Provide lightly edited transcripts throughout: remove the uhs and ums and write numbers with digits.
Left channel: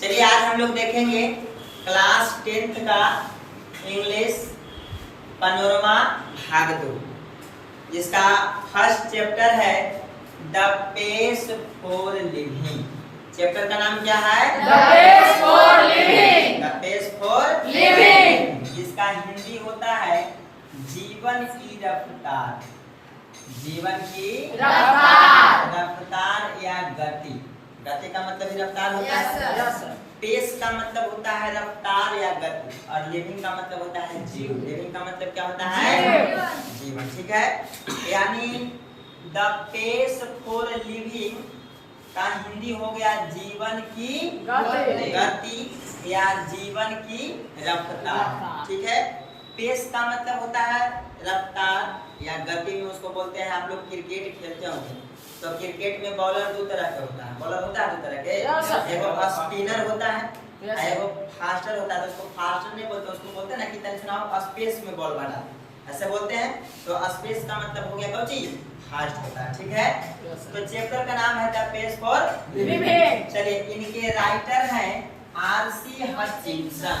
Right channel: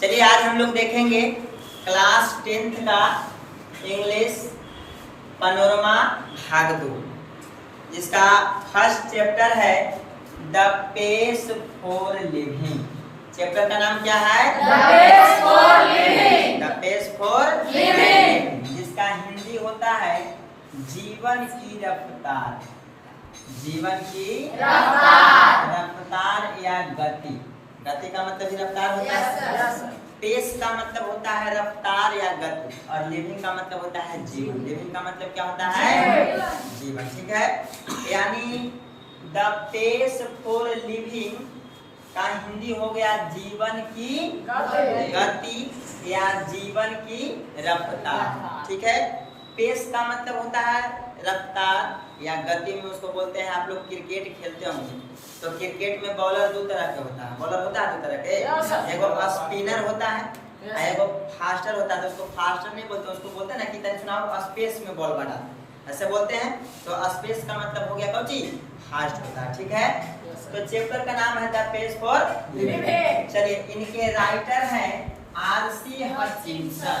चलिए आज हम लोग देखेंगे क्लास 10th का इंग्लिश पैनोरमा भाग 2, जिसका फर्स्ट चैप्टर है the pace for living. Chapter का नाम क्या है? The pace for living. The pace for living, जिसका हिंदी होता है जीवन की रफ्तार। जीवन की रफ्तार, रफ्तार या गति। गति का मतलब ही रफ्तार होता है। पेस का मतलब होता है रफ्तार या गति, और लिविंग का मतलब होता है जीवन। लिविंग का मतलब क्या होता है? जीवन। ठीक है, यानी द पेस फॉर लिविंग का हिंदी हो गया जीवन की गति या जीवन की रफ्तार। ठीक है, पेस का मतलब होता है रफ्तार या गति में उसको बोलते हैं। आप लोग क्रिकेट खेलते होंगे तो क्रिकेट में बॉलर दो तरह के होता है। बॉलर होता है दो तरह के, एगो स्पिनर होता है, एगो फास्टर होता है। तो उसको फास्टर नहीं बोलते, उसको बोलते हैं ना कि तनी सुनाओ स्पेस में बॉल बढ़ा, ऐसे बोलते हैं। तो स्पेस का मतलब हो गया कौन चीज? फास्ट होता है। ठीक है, तो चैप्टर का नाम है द पेस फॉर लिविंग। चलिए, इनके राइटर हैं आरसी हचिंसन।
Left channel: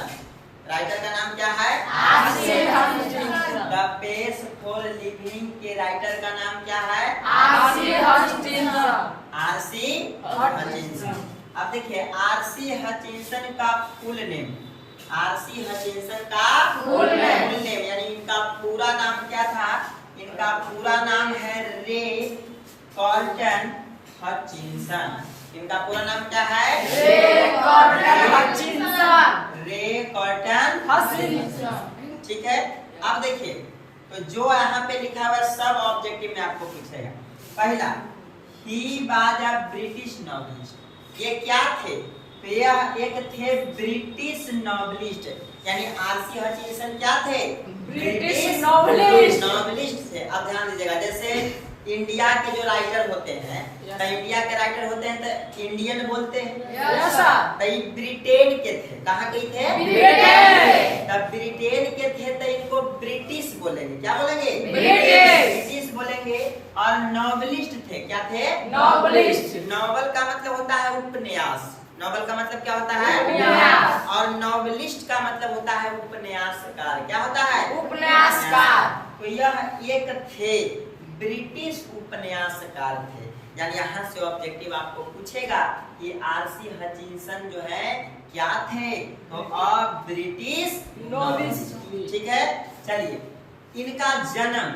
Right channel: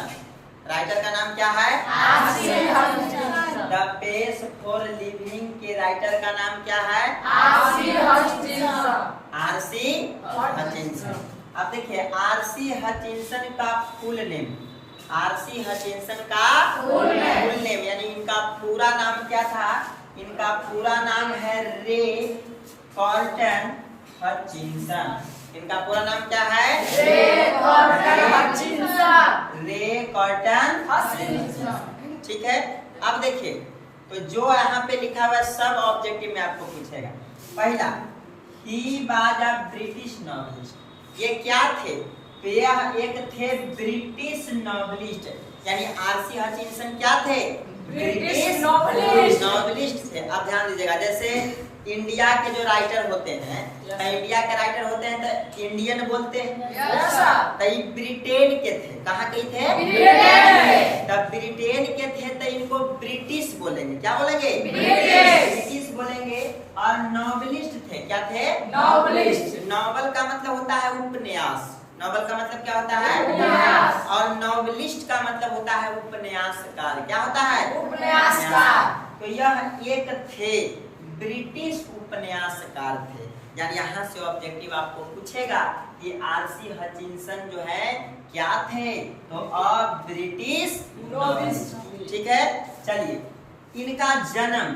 राइटर का नाम क्या है? R C Hutchinson. The pace for living के राइटर का नाम क्या है? R C Hutchinson. R C Hutchinson. अब देखिए, आरसी हचिंसन का फुल नेम, आरसी हचिंसन का फुल नेम यानी इनका पूरा नाम क्या था? इनका पूरा नाम है रे कॉल्टन हचिंसन। इनका पूरा नाम क्या है? रे कॉल्टन हचिंसन। रे कॉल्टन हचिंसन। ठीक है, अब देखिए, तो जो यहाँ पे लिखा हुआ है सब ऑब्जेक्टिव में आपको पूछेगा। पहला, he was a British novelist. ये क्या थे? तो यह एक थे ब्रिटिश नॉवेलिस्ट, यानी आरसी हचिंसन क्या थे? ब्रिटिश नॉवेलिस्ट थे। अब ध्यान दीजिएगा, जैसे इंडिया के जो राइटर होते हैं, तो इंडिया के राइटर होते हैं तो इंडियन बोलते हैं। तो ये ब्रिटेन के थे। कहाँ के थे? तब ब्रिटेन के थे तो इनको ब्रिटिश बोलेंगे। क्या बोलेंगे? ब्रिटिश बोलेंगे। और नॉवेलिस्ट थे। क्या थे? नॉवेलिस्ट। नॉवल का मतलब होता है उपन्यास। नॉवल का मतलब क्या होता है? उपन्यास। और नॉवेलिस्ट का मतलब होता है उपन्यासकार। क्या होता है? उपन्यासकार। तो यह एक थे ब्रिटिश उपन्यासकार थे। यानी यहाँ से ऑब्जेक्टिव आपको पूछेगा कि आरसी हचिंसन जो है क्या थे? तो अ ब्रिटिश नॉवेलिस्ट। ठीक है, चलिए, इनका जन्म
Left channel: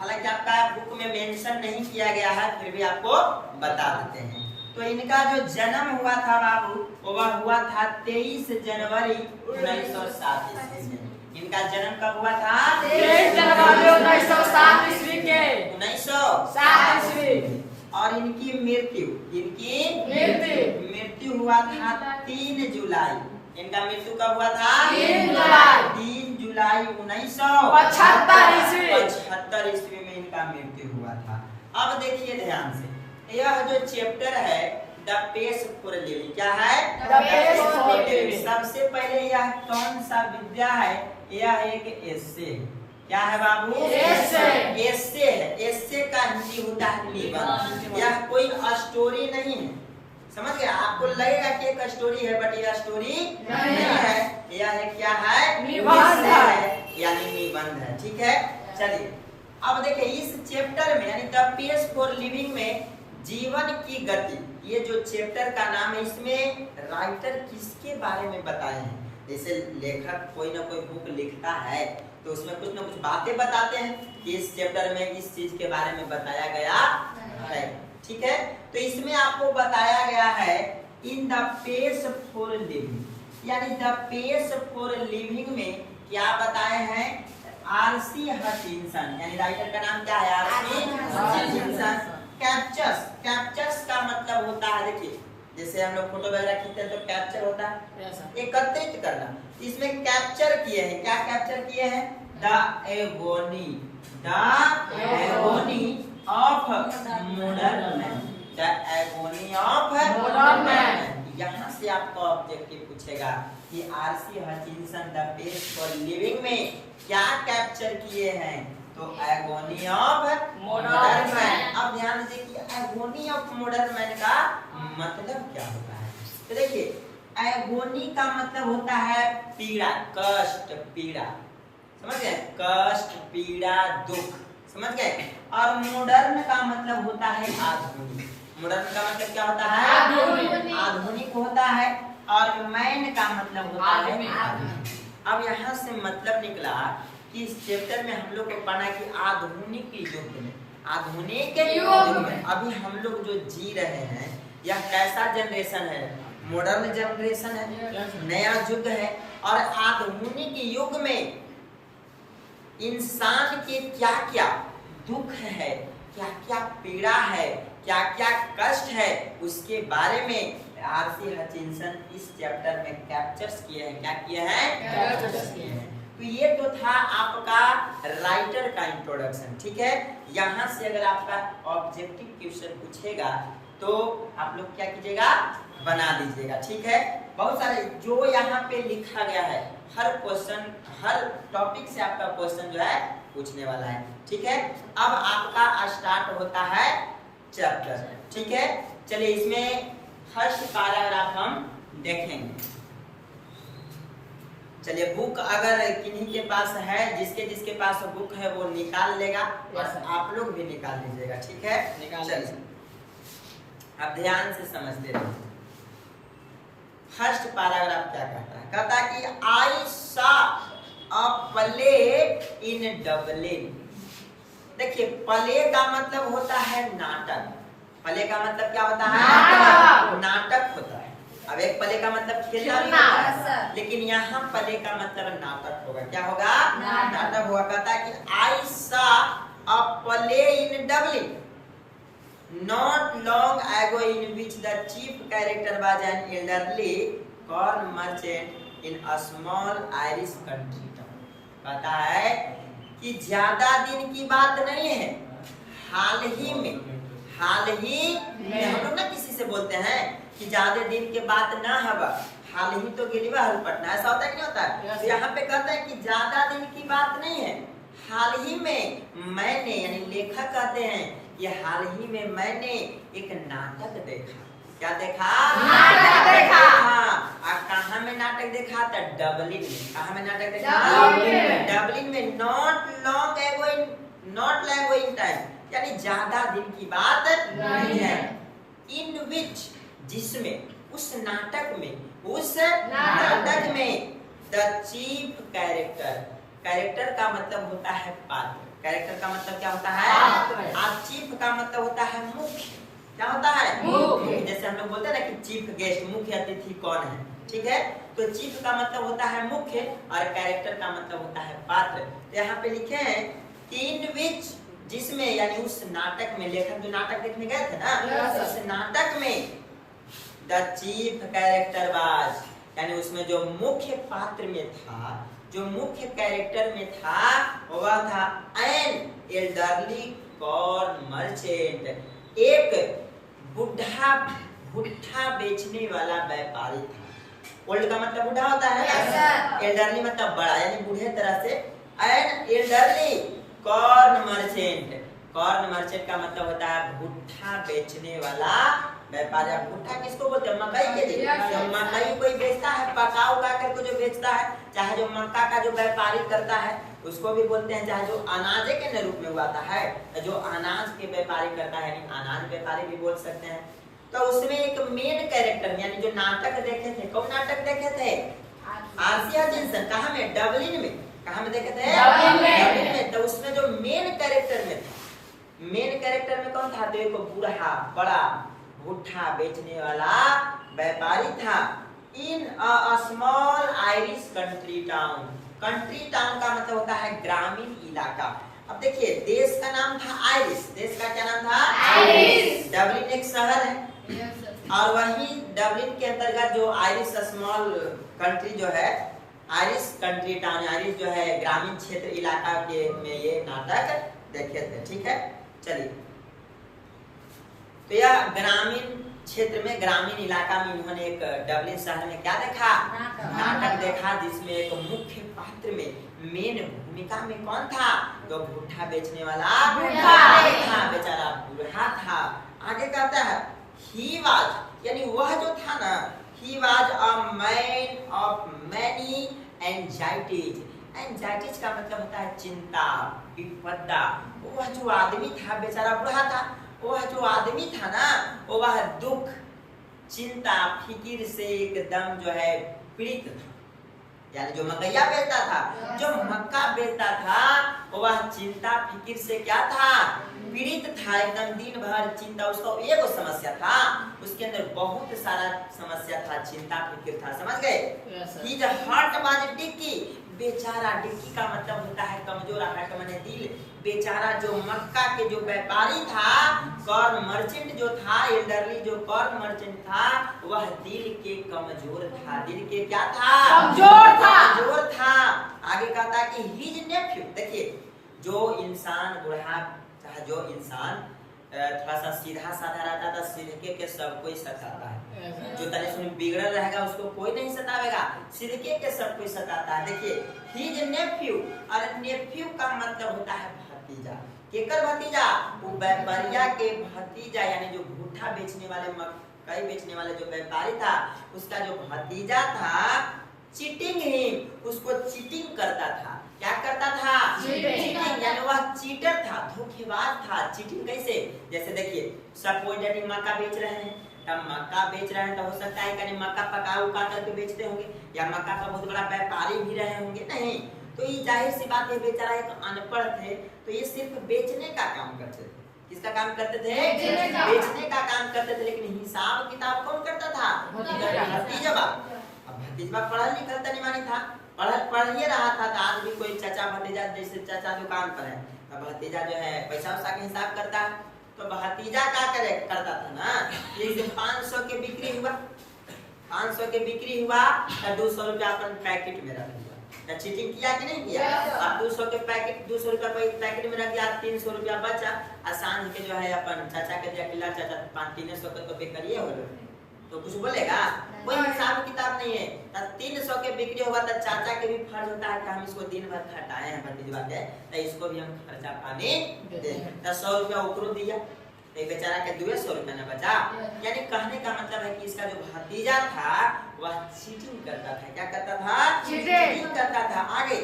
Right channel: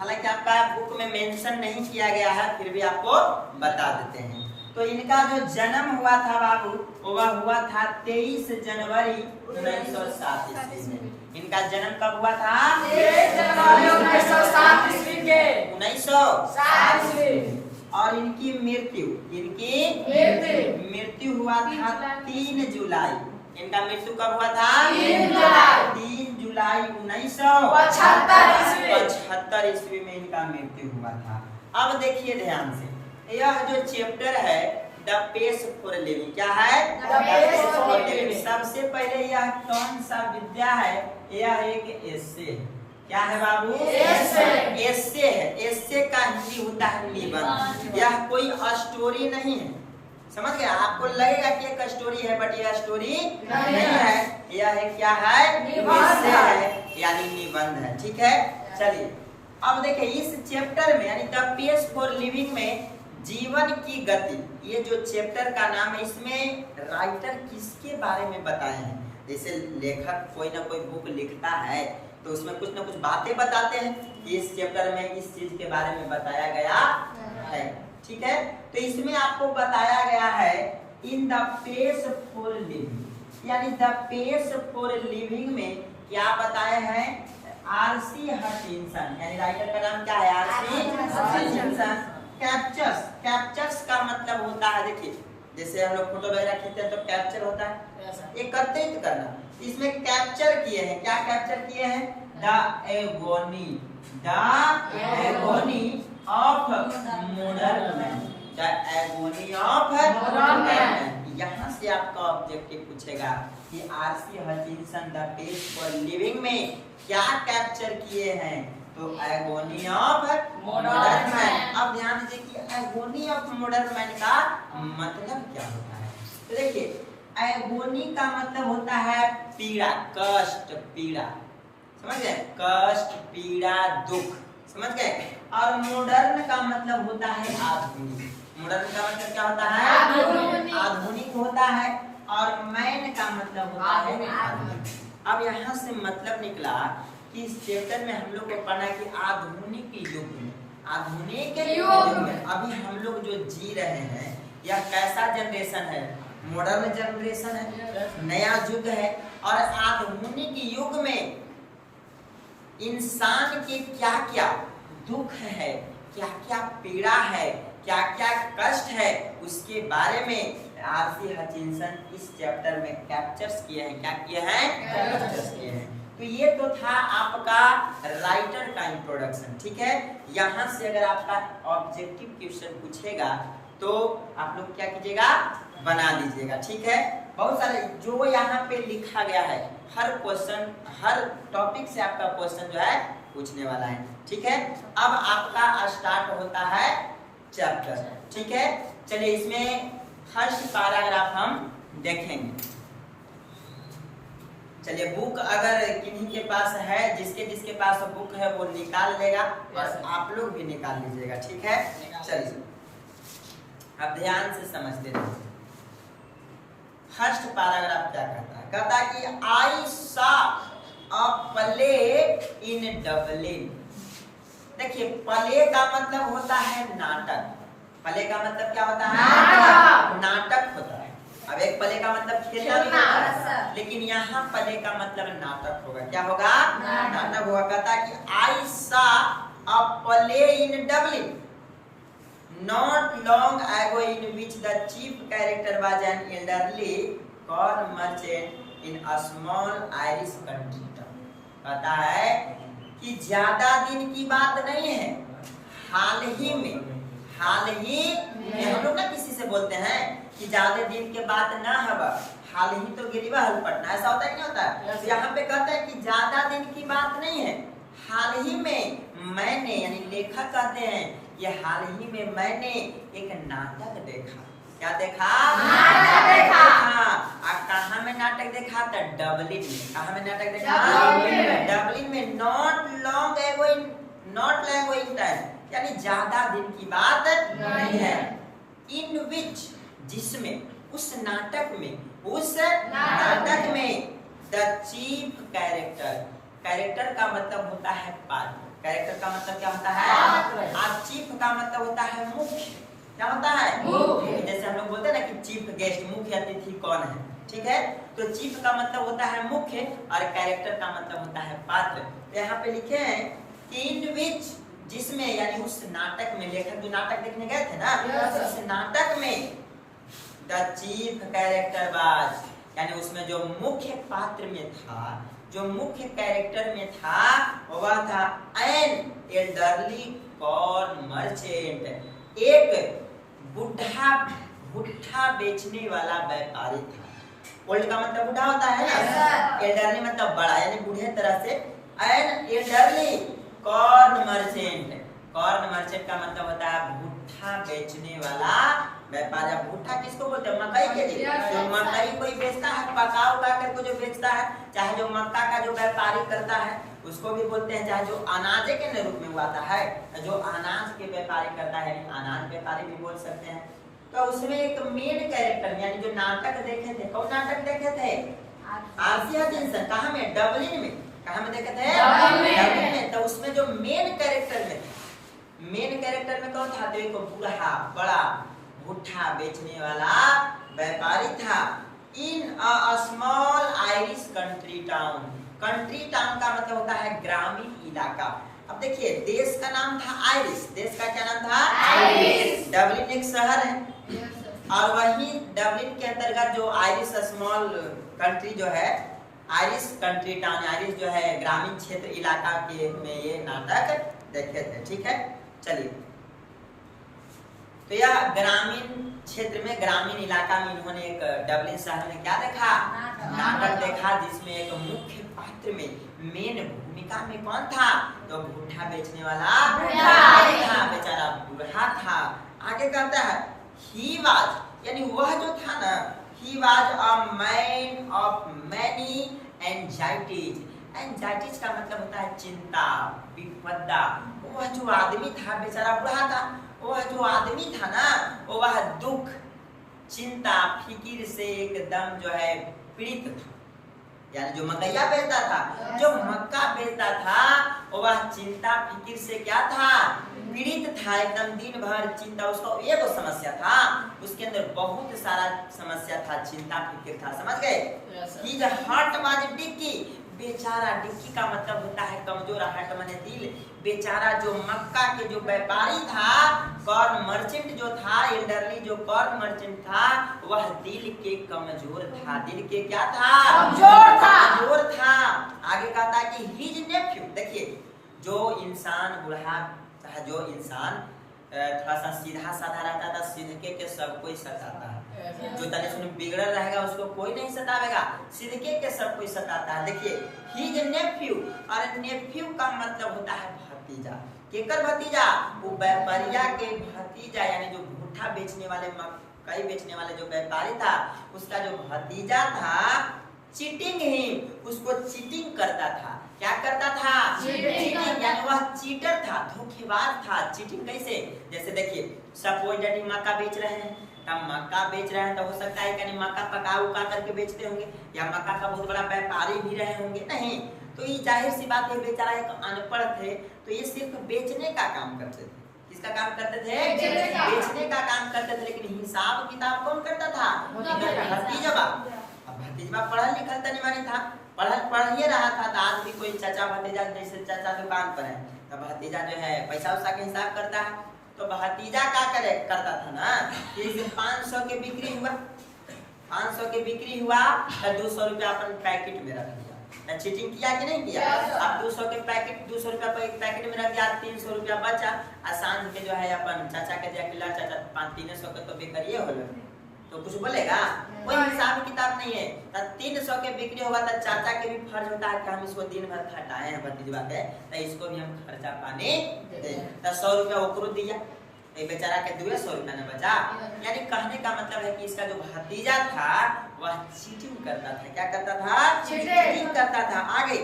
हालांकि आपका बुक में मेंशन नहीं किया गया है, फिर भी आपको बता देते हैं। तो इनका जो जन्म हुआ था बाबू, वह हुआ था 23 जनवरी 1907 ईस्वी में। इनका जन्म कब हुआ था? 23 जनवरी 1907 ईस्वी के। 1907 ईस्वी। और इनकी मृत्यु हुआ था 3 जुलाई। इनका मृत्यु कब हुआ था? 3 जुलाई 1975 ईस्वी में इनका मृत्यु हुआ था। अब देखिए ध्यान से, यह जो चैप्टर है द पेस फॉर लिविंग, क्या है? The pace for living. सबसे पहले यह कौन सा विद्या है? यह एक एस्से है। क्या है बाबू? एस्से है। एस्से का हिंदी होता है निबंध। यह कोई स्टोरी नहीं है। समझ गया? आपको लगेगा कि एक स्टोरी है, बट यह स्टोरी नहीं है। यह क्या है? निबंध है, यानी निबंध है। ठीक है, चलिए, अब देखिए इस चैप्टर में यानी द पेस फॉर लिविंग में जीवन की गति, ये जो चैप्टर का नाम है, इसमें राइटर किसके बारे में बताए हैं? जैसे लेखक कोई ना कोई बुक लिखता है तो उसमें कुछ ना कुछ बातें बताते हैं कि इस चैप्टर में इस चीज के बारे में बताया गया है। ठीक है, तो इसमें आपको बताया गया है in the pace for living, यानी द पेस फॉर लिविंग में क्या बताए हैं? आरसी हचिंसन, यानी राइटर का नाम क्या है? R C Hutchinson. कैप्चर्स का मतलब होता है, देखिए जैसे हम लोग फोटो वगैरह खींचते हैं तो कैप्चर होता है एकत्रित करना। इसमें कैप्चर किए हैं। क्या कैप्चर किए हैं? The agony of modern man. The agony of modern man. यहाँ से आपका ऑब्जेक्टिव पूछेगा कि R C Hutchinson the pace for living में क्या कैप्चर किए हैं? तो एगोनी ऑफ मॉडर्न मैन। अब ध्यान दीजिए कि एगोनी ऑफ मॉडर्न मैन का मतलब क्या होता है। तो देखिए, एगोनी का मतलब होता है पीड़ा, कष्ट, पीड़ा, समझ गए, कष्ट, पीड़ा, दुख, समझ गए। और मॉडर्न का मतलब होता है आधुनिक, मॉडर्न का मतलब क्या होता है, आधुनिक होता है। और मैन का मतलब होता है आधुनिक। अब यहाँ से मतलब निकला कि इस चैप्टर में हम लोग को पढ़ना है कि आधुनिक युग में, आधुनिक युग में अभी हम लोग जो जी रहे हैं यह कैसा जनरेशन है, मॉडर्न जनरेशन है, नया युग है। और आधुनिक युग में इंसान के क्या क्या दुख है, क्या क्या पीड़ा है, क्या क्या कष्ट है, उसके बारे में आरसी हचिंसन इस चैप्टर में कैप्चर्स किए हैं। क्या किए हैं, कैप्चर्स किए हैं। तो ये तो था आपका राइटर का इंट्रोडक्शन, ठीक है। यहाँ से अगर आपका ऑब्जेक्टिव क्वेश्चन पूछेगा तो आप लोग क्या कीजिएगा, बना लीजिएगा, ठीक है। बहुत सारे जो यहाँ पे लिखा गया है, हर क्वेश्चन, हर टॉपिक से आपका क्वेश्चन जो है पूछने वाला है, ठीक है। अब आपका स्टार्ट होता है चैप्टर, ठीक है। चलिए इसमें फर्स्ट पैराग्राफ हम देखेंगे। चलिए बुक अगर किन्हीं के पास है, जिसके पास बुक है वो निकाल लेगा और आप लोग भी निकाल लीजिएगा, ठीक है। चलिए अब ध्यान से समझते रहिए। फर्स्ट पैराग्राफ क्या कहता है, कहता है कि आई सा अ प्ले इन डबलिन। देखिए प्ले का मतलब होता है नाटक, प्ले का मतलब क्या होता है, नाटक होता है। अब एक प्ले का मतलब खेलना भी होता है, लेकिन यहाँ प्ले का मतलब नाटक होगा। क्या होगा, नाटक होगा। कहता है कि आई सा अ play in Dublin not long ago in which the chief character was an elderly corn merchant in a small Irish country town। कहता है कि ज्यादा दिन की बात नहीं है, हाल ही में हम लोग ना किसी से बोलते हैं कि ज्यादा दिन के बात ना हवा, हाल ही तो गिरीवा हल पटना, ऐसा होता है कि नहीं होता है। तो यहाँ पे कहता है कि ज्यादा दिन की बात नहीं है, हाल ही में मैंने, यानी लेखक कहते हैं ये हाल ही में मैंने एक नाटक देखा। क्या देखा, नाटक देखा। कहाँ में नाटक देखा था, डबलिन में। कहाँ में नाटक देखा, डबलिन में। Not long ago in time, यानी ज्यादा दिन की बात नहीं है। इन विच, जिसमें, उस नाटक में द चीफ कैरेक्टर, कैरेक्टर का मतलब होता है पात्र, कैरेक्टर का मतलब क्या होता है, आज चीफ का मतलब होता है मुख्य। क्या होता है, मुख्य। जैसे हम लोग बोलते हैं ना कि चीफ गेस्ट, मुख्य अतिथि कौन है, ठीक है। तो चीफ का मतलब होता है मुख्य और कैरेक्टर का मतलब होता है पात्र। तो यहाँ पे लिखे हैं कि इन विच, जिसमें, यानी उस नाटक में, लेखक जो नाटक देखने गए थे ना, उस नाटक में द चीफ कैरेक्टर वाज, यानी उसमें जो मुख्य पात्र में था, जो मुख्य कैरेक्टर में था, वह था एन एल्डरली कॉर्न मर्चेंट, एक भुट्टा बेचने वाला व्यापारी था। ओल्ड का मतलब बूढ़ा होता है ना, एल्डरली मतलब बड़ा, यानी बूढ़े तरह से। An elderly corn merchant, corn merchant का मतलब होता है भुट्टा बेचने वाला व्यापारी। भुट्टा किसको बोलते हैं, मकई के लिए। जो मकई कोई बेचता है, पका उका करके जो बेचता है, चाहे जो मक्का का जो व्यापारी करता है उसको भी बोलते हैं, चाहे जो अनाज के रूप में उगाता है, जो अनाज के व्यापारी करता है, यानी अनाज व्यापारी भी बोल सकते हैं। तो उसमें एक मेन कैरेक्टर, यानी जो नाटक देखे थे, कौन नाटक देखे थे, आरसी हचिंसन। कहाँ में, डबलिन में। कहाँ में देखे थे, डबलिन में। तो उसमें जो मेन कैरेक्टर में था, मेन कैरेक्टर में कौन था, तो एक बूढ़ा बड़ा भुट्टा बेचने वाला व्यापारी था। In a small Irish country town, country town का मतलब होता है ग्रामीण इलाका। अब देखिए देश का नाम था आयरिश, देश का क्या नाम था, आयरिश। डबलिन एक शहर है, और वही डबलिन के अंतर्गत जो आयरिश स्मॉल कंट्री जो है, आयरिश कंट्री टाउन, आयरिश जो है ग्रामीण क्षेत्र इलाका के में ये नाटक देखे थे, ठीक है। चलिए तो यह ग्रामीण क्षेत्र में, ग्रामीण इलाका में इन्होंने एक डबलिन शहर में क्या देखा, नाटक देखा, जिसमें एक मुख्य पात्र में, मेन भूमिका में कौन था, तो भुट्टा बेचने वाला था, बेचारा बूढ़ा था। आगे कहता है ही वाज, यानी वह जो था ना, he was a man of many anxieties. Anxieties का मतलब होता है चिंता, विपदा। वह जो आदमी था बेचारा बूढ़ा था, वह जो आदमी था ना वह दुख, चिंता, फिकिर से एकदम जो है पीड़ित था। यानी जो मकैया बेचता था, जो मक्का बेचता था, वह चिंता फिकिर से क्या था, पीड़ित था। एकदम दिन भर चिंता, उसका एक समस्या था, उसके अंदर बहुत सारा समस्या था, चिंता फिकिर था। समझ गए? His heart was dicky। बेचारा, डिक्की का मतलब होता है कमजोर, हार्ट माने दिल। बेचारा जो मक्का के जो व्यापारी था, कॉर्न मर्चेंट जो था, एल्डरली जो कॉर्न मर्चेंट था, वह दिल के कमजोर था। दिल के क्या था? कमजोर था। आगे कहता कि हिज नेफ्यू, देखिए जो इंसान बूढ़ा, जो इंसान थोड़ा सा सीधा साधा रहता था, सिधके के सब कोई सताता है। जो तने सुन बिगड़ल रहेगा उसको कोई नहीं सतावेगा, सिधके के सब कोई सताता है। देखिए हिज नेफ्यू, और नेफ्यू का मतलब होता है भतीजा। केकर भतीजा? वो व्यापारिया के भतीजा, यानी जो भुट्टा बेचने वाले, मकई बेचने वाले जो व्यापारी था, उसका जो भतीजा था, चीटिंग हिम, उसको चीटिंग करता था। क्या करता था? चीटिंग, यानी वह चीटर था, धोखेबाज था। चीटिंग कैसे? जैसे देखिए सपोज दैट मक्का बेच रहे हैं, तब मक्का बेच रहे हैं तो हो सकता है कि मक्का पका उका करके बेचते होंगे, या मक्का का बहुत बड़ा व्यापारी भी रहे होंगे, नहीं तो ये जाहिर सी बात है, बेचारा एक अनपढ़ थे, तो ये सिर्फ बेचने का काम करते थे। किसका काम करते थे? बेचने का काम करते थे। लेकिन हिसाब किताब कौन करता था? भतीजवा। अब भतीजवा पढ़ल लिखल तनी मानी था, पढ़िए रहा था, तो आज भी कोई चाचा भतीजा, जैसे चाचा दुकान पर है तो भतीजा जो है पैसा उसा के हिसाब करता है, तो भतीजा क्या करता था ना, जैसे 500 के बिक्री हुआ, 500 के बिक्री हुआ तो 200 रुपया अपन पैकेट में रख दिया। चीटिंग किया कि नहीं किया? अब 200 के पैकेट, 200 रुपया पैकेट में रख दिया, 300 रुपया बचा, और सांझ के जो है अपन चाचा के दिया कि चाचा 300 के तो बिक्री हो, तो कुछ बोलेगा? कोई हिसाब किताब नहीं है। तो 300 के बिक्री होगा तो चाचा के भी फर्ज होता है कि हम इसको दिन भर खटाए हैं भतीजवा के, तो इसको भी हम खर्चा पानी दें। तो 100 रुपया ओकरो दिया, तो बेचारा के 200 रुपया न बचा। यानी कहने का मतलब है कि इसका जो भतीजा था वह चीटिंग करता था। क्या करता था? चीटिंग करता था। आगे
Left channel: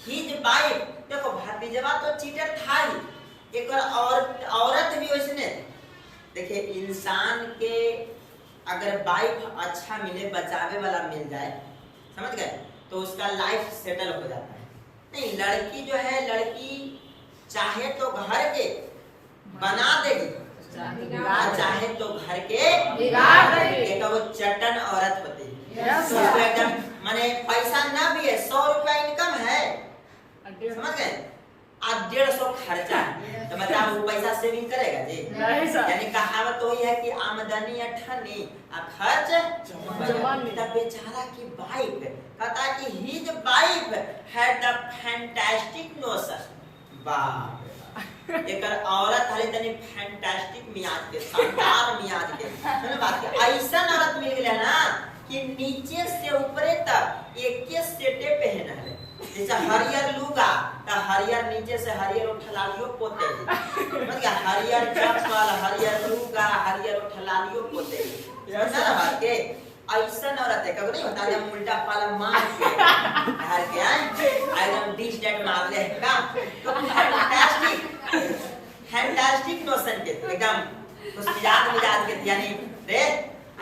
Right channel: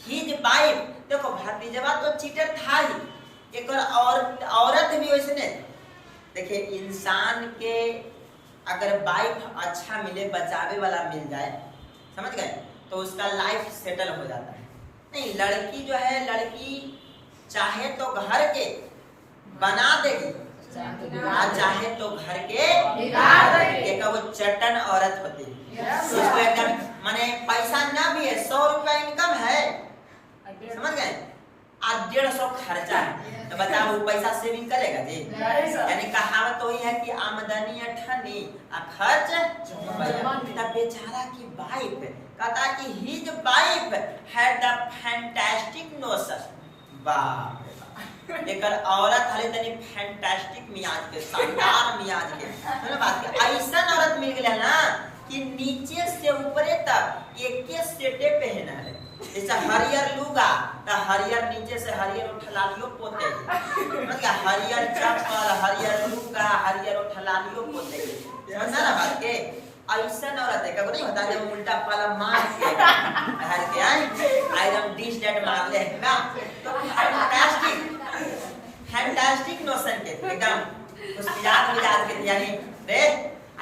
हिज वाइफ, देखो भतीजवा तो चीटर था ही, एक औरत भी वैसने। देखिए इंसान के अगर वाइफ अच्छा मिले, बचावे वाला मिल जाए, समझ गए, तो उसका लाइफ सेटल हो जाता है। नहीं, लड़की जो है, लड़की चाहे तो घर के बना देगी, चाहे तो घर के बिगाड़ देगी। एक वो चटन औरत होती है, इसको एकदम माने पैसा ना भी है, 100 रुपया इनकम है, समझ गए, आज 150 खर्चा है, तो बताओ वो पैसा सेविंग करेगा जी? यानी कहावत तो ही है कि आमदनी अठनी और खर्च रुपया। बेचारा की वाइफ कहता है कि his wife had the fantastic notion. बाप रे, एकर औरत हले तनी फैंटास्टिक मियाज के, शानदार मियाज के, सुनो बात की, ऐसा औरत मिल गया ना कि नीचे से ऊपरे तक एक के सेटे पहन है। जैसे हरियर लुगा तो हरियर नीचे से हरियर उठलालियो पोते, मतलब हरियर चप्पल, हरियर लुगा, हरियर उठलालियो पोते, समझना ना बात के? ऐसा औरत है, कभी नहीं होता जब उल्टा पाला मार के घर के आए, एकदम डिश डेट मार ले का, तो फैंटास्टिक नोशन के एकदम कुछ मिजाज के, यानी रे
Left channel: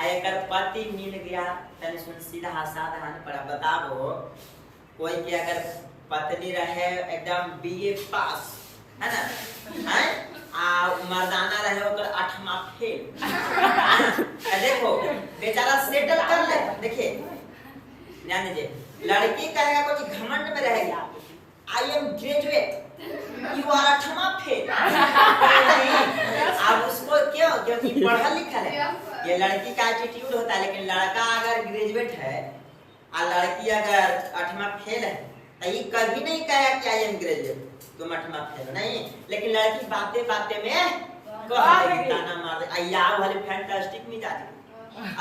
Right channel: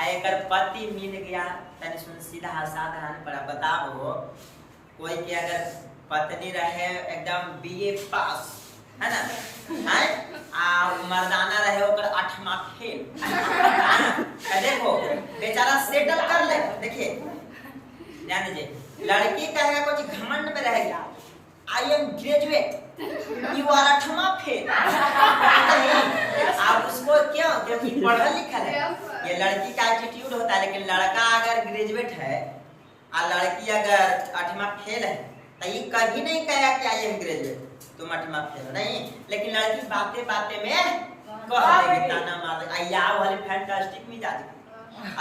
एकर पति मिल गया, तने सुन सीधा साधा पड़ा। बताओ कोई के अगर पत्नी रहे एकदम BA पास है ना, है मर्दाना रहे ओकर 8वां फेल, देखो बेचारा सेटल कर ले। देखिए ध्यान दीजिए, लड़की कहेगा कुछ घमंड में रहेगी, I am graduate, you are 8वां फेल, नहीं आप उसको क्यों? क्योंकि पढ़ा लिखा है, ये लड़की का एटीट्यूड होता है। लेकिन लड़का अगर ग्रेजुएट है और लड़की अगर 8वां फेल है, तो ये कभी नहीं कहेगा कि आई एम ग्रेजुएट, तुम 8वां फेल हो, नहीं। लेकिन लड़की बातें बातें में कह देगी, ताना मार देगी, आया वाले फैंटास्टिक मिजाज की,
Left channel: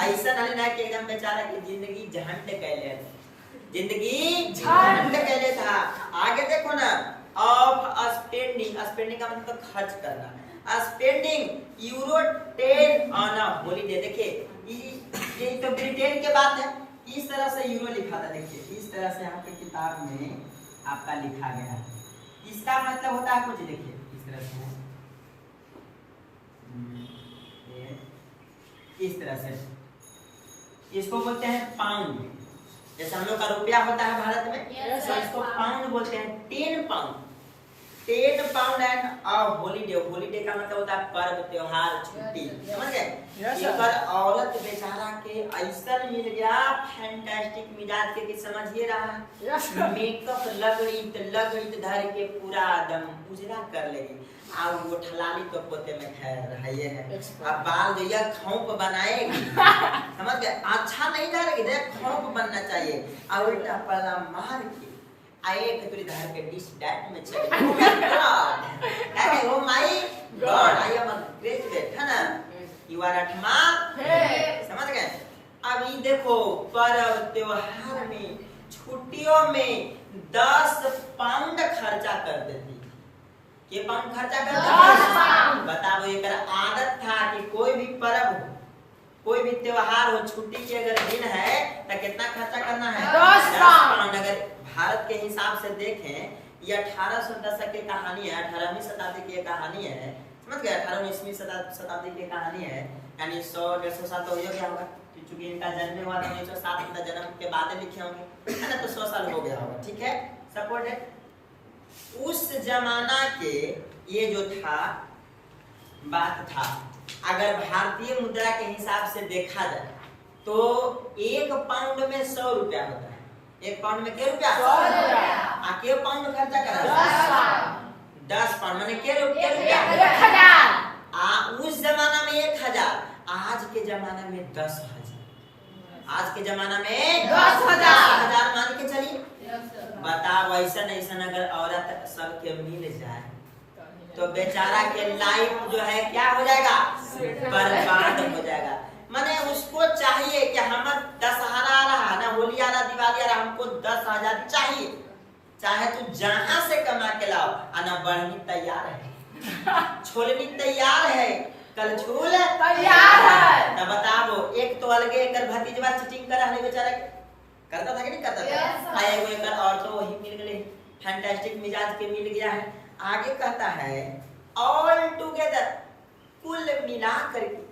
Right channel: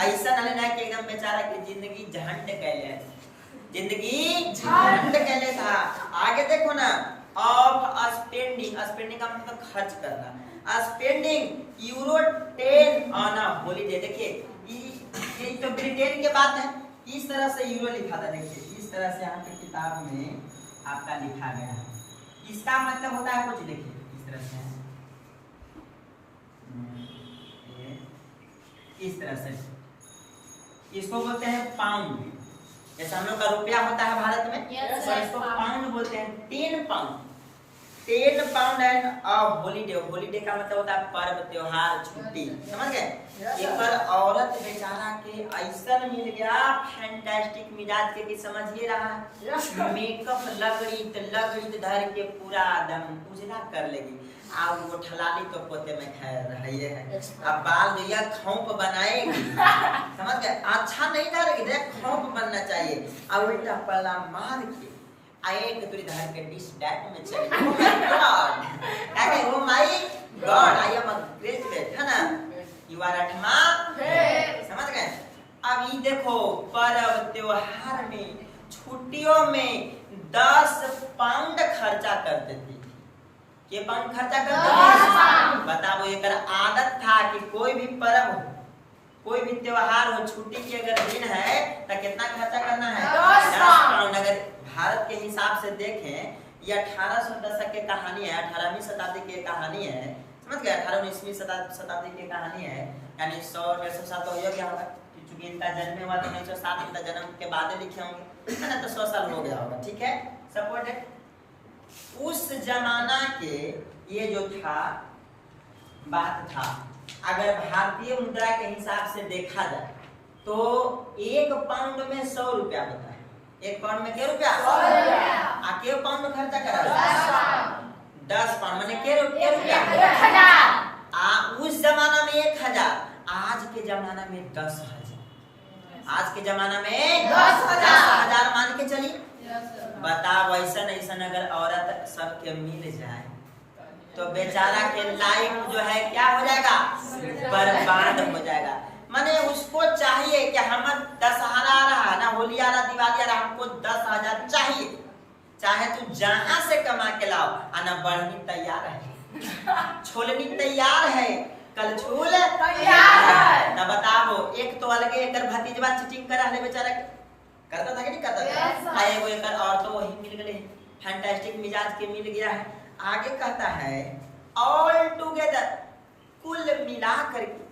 ऐसा नहीं ना कि एकदम बेचारा की जिंदगी झंड कैले, जिंदगी झंड कैले था। आगे देखो ना, ऑफ स्पेंडिंग, स्पेंडिंग का मतलब खर्च करना, स्पेंडिंग €10 ऑन अ हॉलीडे। देखिए ये तो ब्रिटेन के बात है। इस तरह से यूरो लिखा था, देखिए इस तरह से यहाँ पे किताब में आपका लिखा गया है। इसका मतलब होता है कुछ, देखिए इस तरह से है, इस तरह से इसको बोलते हैं पाउंड। जैसे हम लोग का रुपया होता है भारत में, तो इसको पाउंड बोलते हैं। 10 pound, 10 pound and a holiday. Holiday का मतलब होता है पर्व, त्योहार, छुट्टी, समझ गए। एक औरत बेचारा के ऐसा मिल गया फैंटास्टिक मिजाज के कि समझिए रहा है, मेकअप लगड़ी धर के पूरा एकदम उजला कर लेगी। आ वो ठलाली तो पोते में खैर है ये है। अब बाल जो ये खौंप बनाएगी, समझ गए, अच्छा नहीं डालेगी, देख खौंप बनना चाहिए। आ उल्टा पल्ला मार के एक तुरी धर के डिश डैट में चली। ओ माय गॉड, क्या कहे, oh my God, I am a graduate, है ना, यू आर अठमा, समझ गए। अब ये देखो पर्व त्योहार में, छुट्टियों में 10 पाउंड खर्चा करते थे। के पाउंड खर्चा करते थे, बताओ। एक आदत था कि कोई भी पर्व हो, कोई भी त्योहार हो, छुट्टी के अगर दिन है तो कितना खर्चा करना है, 10 पाउंड। अगर भारत के हिसाब से देखें, ये 1800 दशक की कहानी है, 18वीं शताब्दी की कहानी है, समझ गए, 18-19वीं शताब्दी की कहानी है, यानी 100-150 साल तो हो गया होगा, क्योंकि इनका जन्म हुआ तो 1907, इनका जन्म के बाद लिखे होंगे, है ना, तो 100 साल हो गया होगा, ठीक है, सपोर्टेड। उस जमाना के ये जो था बात था, अगर भारतीय मुद्रा के हिसाब से देखा जाए तो 1 पाउंड में 100 रुपया होता है। 1 पाउंड में क्या रुपया, 100 रुपया। के पाउंड खर्चा करा, 10 पाउंड माने के रुपया, 1000। उस जमाना में 1000, आज के जमाना में 10,000, आज के जमाना में 10,000 मान के चलिए। बताओ ऐसा अगर औरत सबके मिल जाए तो बेचारा के लाइफ जो है क्या हो जाएगा, बर्बाद हो जाएगा। माने उसको चाहिए कि हम दशहरा आ रहा है ना, होली आ रहा, दिवाली आ रहा, हमको 10,000 चाहिए, चाहे तू जहां से कमा के लाओ। आना बढ़नी तैयार है, छोलनी तैयार है, कल छूल तैयार। तब बताओ, एक तो अलगे एक भतीजवा चीटिंग कर रहा बेचारा के, करता था कि नहीं करता था। आए वो एक और तो वही मिल गए, फैंटास्टिक मिजाज के मिल गया है। आगे कहता है ऑल टुगेदर, कुल मिला करके।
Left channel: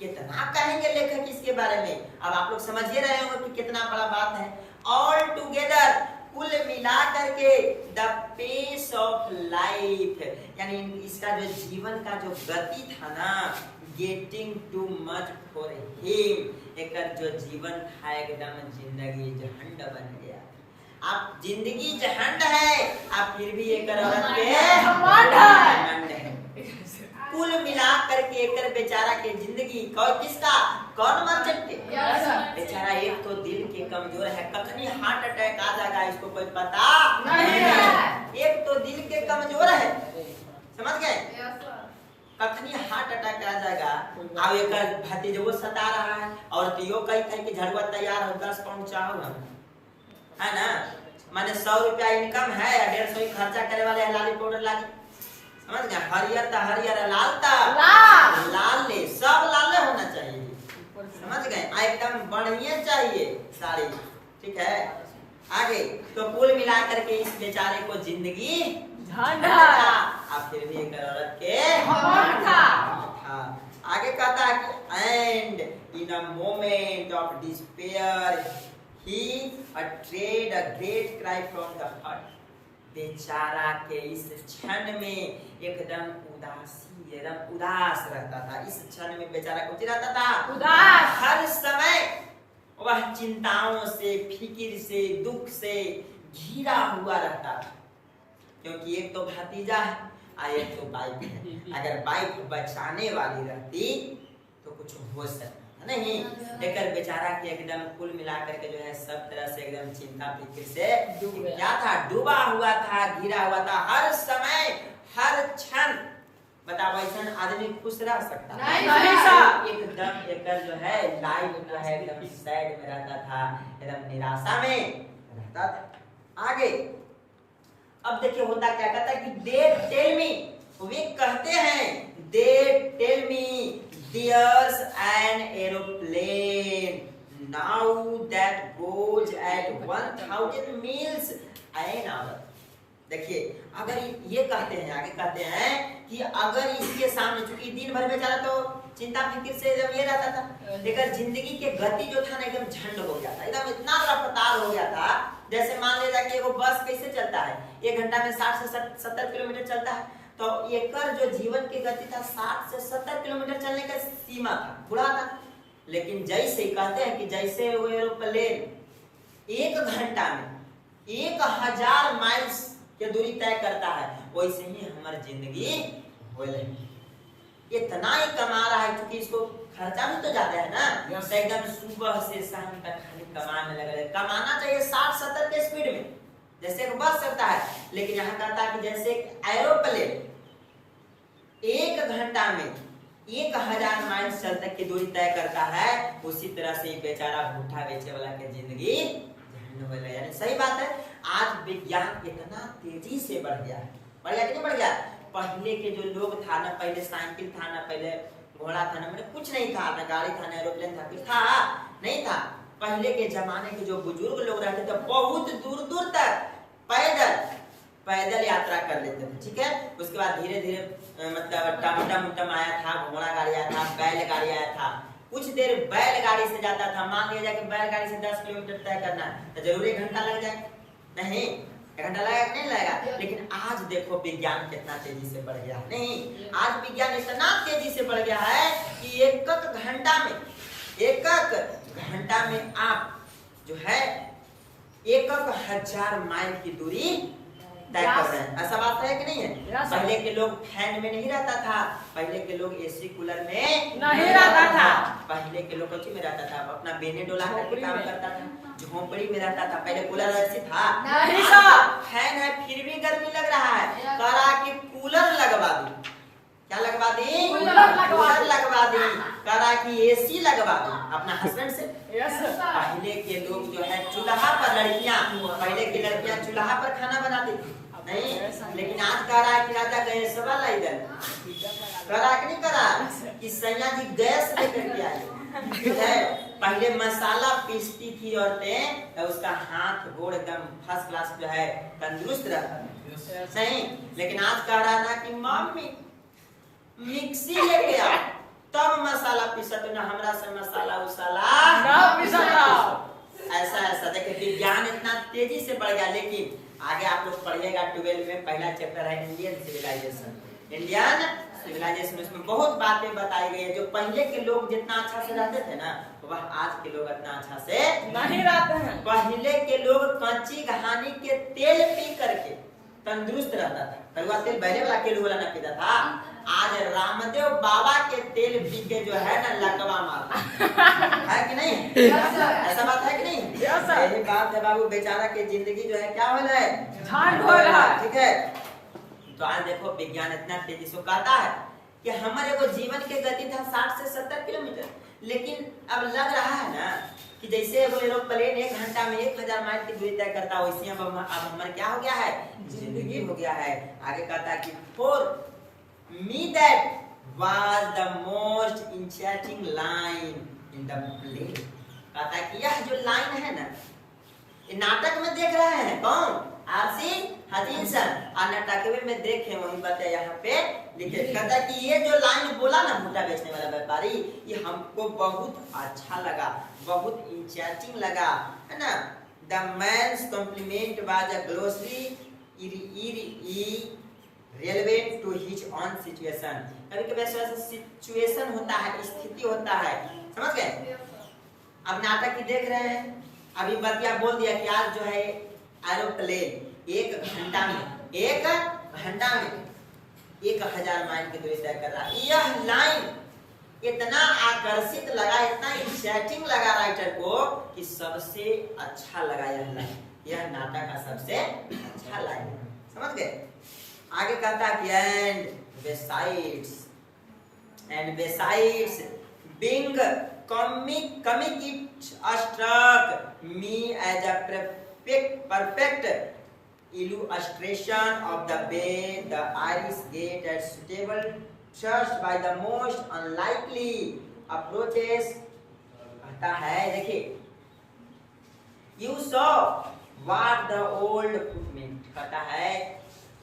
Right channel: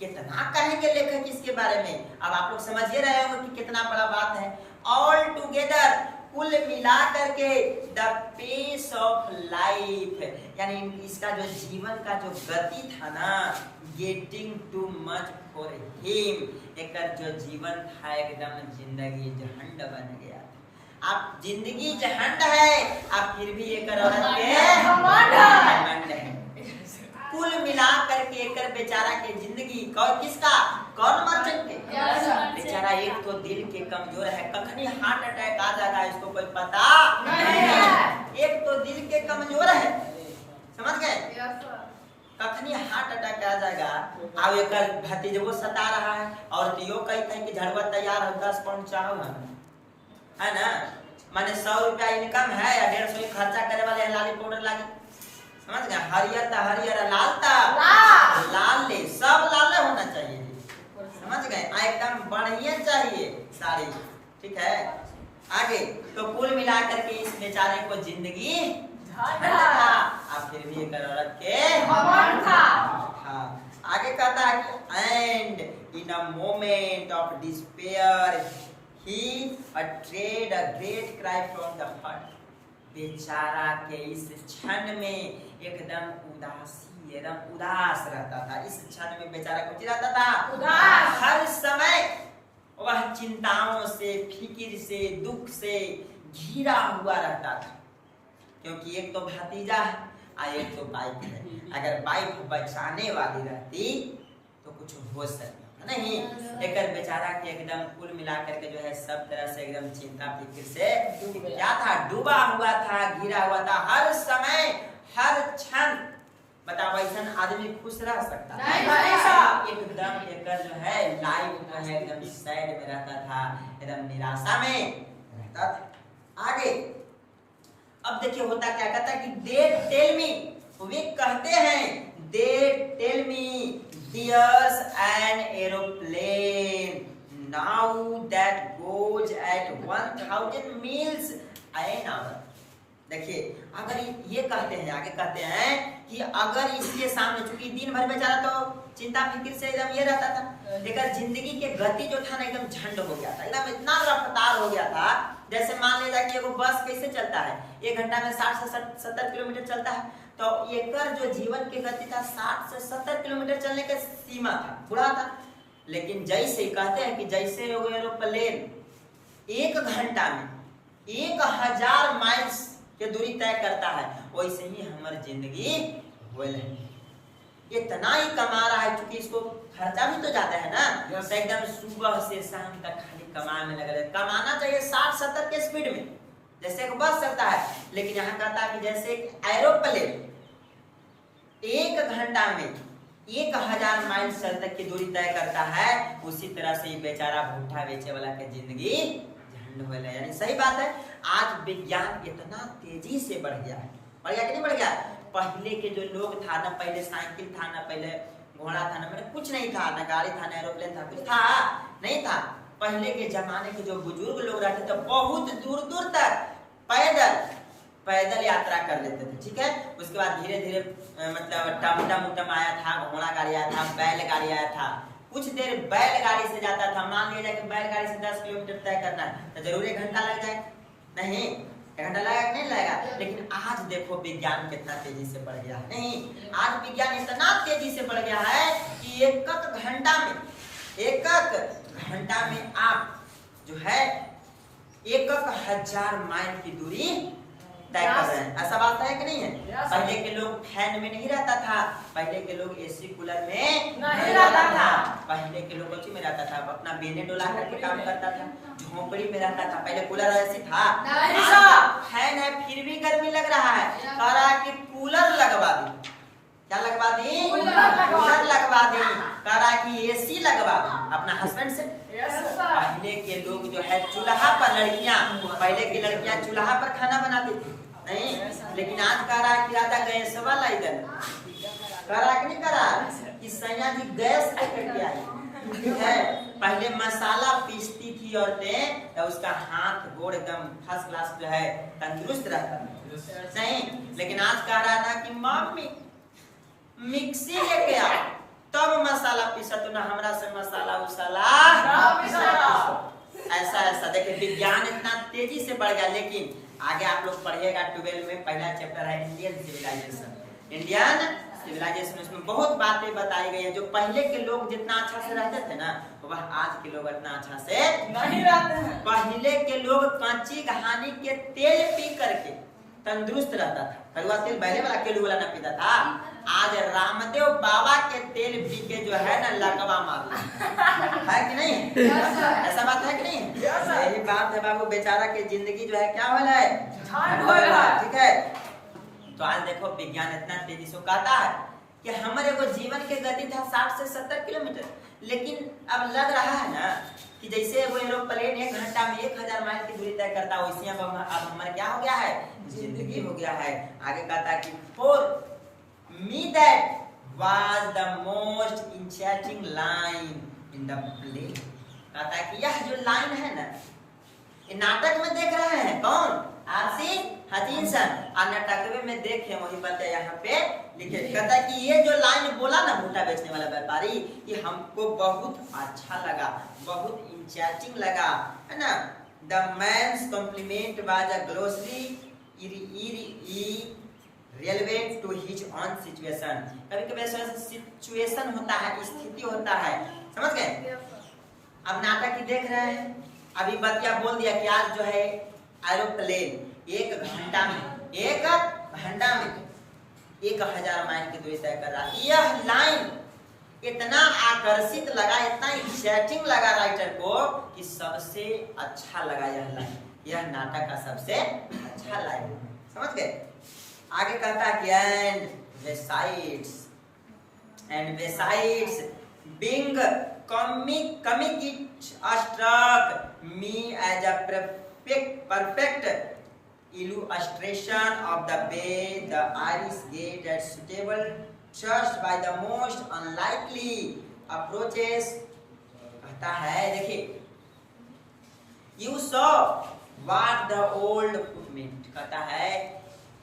कितना कहेंगे लेखक इसके बारे में, अब आप लोग समझ ही रहे होंगे कि कितना बड़ा बात है। ऑल टुगेदर, कुल मिला करके, द पेस ऑफ लाइफ, यानी इसका जो जीवन का जो गति था ना, getting too much for him, एक जो जीवन था एकदम जिंदगी झंड बन गया। आप जिंदगी झंड है, आप फिर भी एक औरत के घमंड है। कुल मिला करके एक बेचारा के जिंदगी किसका, कौन मर्चेंट के, बेचारा एक तो दिल के कमजोर है, कखनी हार्ट अटैक आ जाएगा इसको कोई पता नहीं। एक तो दिल के कमजोर है, समझ गए, कखनी हार्ट अटैक आ जाएगा। अब एक भतीजो सता रहा है, और तो यो कही कि झड़ुआ तैयार हो, 10 पाउंड चाहो हम, है ना, माने 100 रुपया इनकम है या 150 खर्चा करे वाले है, लाली पाउडर लागी, समझ गए, हरियर ता हरियर, लाल ता लाल, ले सब लाल होना चाहिए, समझ गए, एकदम बढ़िया चाहिए साड़ी, ठीक है। आगे तो कुल मिला करके इस बेचारे को जिंदगी था, अब फिर भी एक औरत के था। आगे कहता है कि and in a moment of despair he uttered a great cry from the heart। बेचारा के इस क्षण में एकदम उदासी, एकदम उदास रहता था। इस क्षण में बेचारा कुछ रहता था उदास, हर समय वह चिंताओं से, फिक्र से, दुख से घिरा हुआ रहता था, क्योंकि एक तो भतीजा है और एक तो वाइफ है। अगर वाइफ बचाने वाली रहती तो कुछ हो सकता नहीं। एक बेचारा के एकदम कुल मिलाकर के जो है सब तरह से एकदम चिंता फिक्र से क्या था, डूबा हुआ था, घिरा हुआ था, हर समय हर क्षण। बताओ ऐसा आदमी खुश रह सकता है? एकदम एक जो है लाइफ जो है एकदम सैड में रहता था, एकदम निराशा में रहता था। आगे अब देखिए होता क्या, कहता है कि दे टेल मी, वे कहते हैं, they tell me there's an aeroplane now that goes at 1000 miles an hour. देखिए अगर ये कहते हैं, आगे कहते हैं कि अगर इसके सामने, चूंकि दिन भर बेचारा तो चिंता फिक्र से एकदम ये रहता था, लेकिन जिंदगी के गति जो था ना एकदम झंड हो गया था, एकदम इतना रफ्तार हो गया था। जैसे मान लीजिए कि एगो बस कैसे चलता है, 1 घंटा में 60 से 70 किलोमीटर चलता है, तो एकर जो जीवन की गति था 60 से 70 किलोमीटर चलने का सीमा था, बुरा था। लेकिन जैसे कहते हैं कि जैसे वो एरोप्लेन 1 घंटा में 1000 माइल्स के दूरी तय करता है, वैसे ही हमारी जिंदगी हो रही। इतना ही कमा रहा है, क्योंकि इसको खर्चा भी तो ज्यादा है ना, तो एकदम सुबह से शाम तक खाली कमा में लगा रहे। कमाना चाहिए 60-70 के स्पीड में, जैसे एक बस चलता है, लेकिन यहाँ कहता है कि जैसे एक एरोप्लेन 1 घंटा में 1000 माइल तक की दूरी तय करता है, उसी तरह से बेचारा भूठा बेचे वाला के जिंदगी झंड हो। यानी सही बात है, आज विज्ञान इतना तेजी से बढ़ गया है। बढ़ गया कि नहीं बढ़ गया? पहले के जो लोग था ना, पहले साइकिल था ना, पहले घोड़ा था ना, मतलब कुछ नहीं था ना, गाड़ी था ना, एरोप्लेन था, कुछ था नहीं था। पहले के जमाने के जो बुजुर्ग लोग रहते थे बहुत दूर दूर तक पैदल यात्रा कर लेते थे, ठीक है। उसके बाद धीरे धीरे मतलब टम आया था, घोड़ा गाड़ी आया था, बैलगाड़ी आया था। कुछ देर बैलगाड़ी से जाता था, मान लिया जाए कि बैलगाड़ी से 10 किलोमीटर तय करना है तो जरूर 1 घंटा लग जाए, नहीं 1 घंटा लगेगा कि नहीं लगेगा। लेकिन आज देखो विज्ञान कितना तेजी से बढ़ गया है। नहीं, आज विज्ञान इतना तेजी से बढ़ गया है कि एक घंटा में आप जो है 1000 माइल की दूरी तय कर रहे हैं। ऐसा बात है कि नहीं है? पहले के लोग फैन में नहीं रहता था, पहले के लोग एसी कूलर में नहीं रहता था, पहले के लोग कोची में रहता था, अपना बेने डोला करके काम करता था, झोपड़ी में रहता था। पहले कूलर ऐसी था, आज फैन है फिर भी गर्मी लग रहा है, करा कि कूलर लगवा दी। क्या लगवा दी? कूलर लगवा दी, करा कि एसी लगवा दी अपना हस्बैंड से। पहले के लोग जो है चूल्हा पर, पहले की लड़कियां चूल्हा पर खाना बनाती थी, नहीं, लेकिन आज कह रहा है कि राजा गैस वाला इधर करा कि नहीं करा कि सैया जी गैस लेकर के आई, ठीक है। पहले मसाला पीसती थी औरतें तो उसका हाथ गोड़ एकदम फर्स्ट क्लास जो है तंदुरुस्त रहता था, नहीं। लेकिन आज कह रहा ना कि मम्मी मिक्सी लेके आ तब मसाला पीसा, तो ना हमरा से मसाला उसाला ऐसा देखिए विज्ञान इतना तेजी से बढ़ गया। लेकिन आगे आप लोग पढ़िएगा 12 में, पहला चैप्टर है इंडियन सिविलाइजेशन। उसमें बहुत बातें बताई गई है। जो पहले के लोग जितना अच्छा से रहते थे ना, वह आज के लोग इतना अच्छा से नहीं रहते हैं। पहले के लोग कच्ची घानी के तेल पी करके तंदुरुस्त रहता था, कड़वा तेल बैले वाला केलू वाला न पीता था। आज रामदेव बाबा के तेल पी के जो है ना लकवा मार है कि नहीं? ऐसा बात है कि नहीं? यही बात है बाबू, बेचारा के जिंदगी जो है क्या हो रहा है, ठीक है। तो आज देखो विज्ञान इतना तेजी से कहता है कि हमारे को जीवन के गति था 60 से 70 किलोमीटर, लेकिन अब लग रहा है ना कि जैसे वो एरोप्लेन 1 घंटा में 1000 माइल की दूरी तय करता है, वैसे अब हमारा क्या हो गया है, जिंदगी हो गया है। आगे कहता है कि for me that was the most interesting line in the play. कहता है कि यह जो लाइन है ना, ये नाटक में देख रहे हैं कौन, आरसी हचिनसन, और नाटकवे में देखे वही बात यहाँ पे लिखे। कहता है कि ये जो लाइन बोला ना भुट्टा बेचने वाला व्यापारी, ये हमको बहुत अच्छा लगा, बहुत इंटरेस्टिंग लगा, है ना। The man's complement was a glossary relevant to his own situation. कभी कभी ऐसा सिचुएशन होता है, स्थिति होता है, समझ गए। अब नाटक ही देख रहे हैं, अभी बतिया बोल दिया कि आज जो है एरोप्लेन 1 घंटा में 1000 माइल की दूरी तय कर रहा है। यह लाइन इतना आकर्षित लगा, इतना इंटरेस्टिंग लगा राइटर को कि सबसे अच्छा लगा यह लाइन, यह नाटक का सबसे अच्छा लाइन, समझ गए। आगे कहता है कि and besides being comic it struck me as a perfect illustration of the way the Irish get a suitable trust by the most unlikely approaches, कहता है देखिए you saw what the old meant, कहता है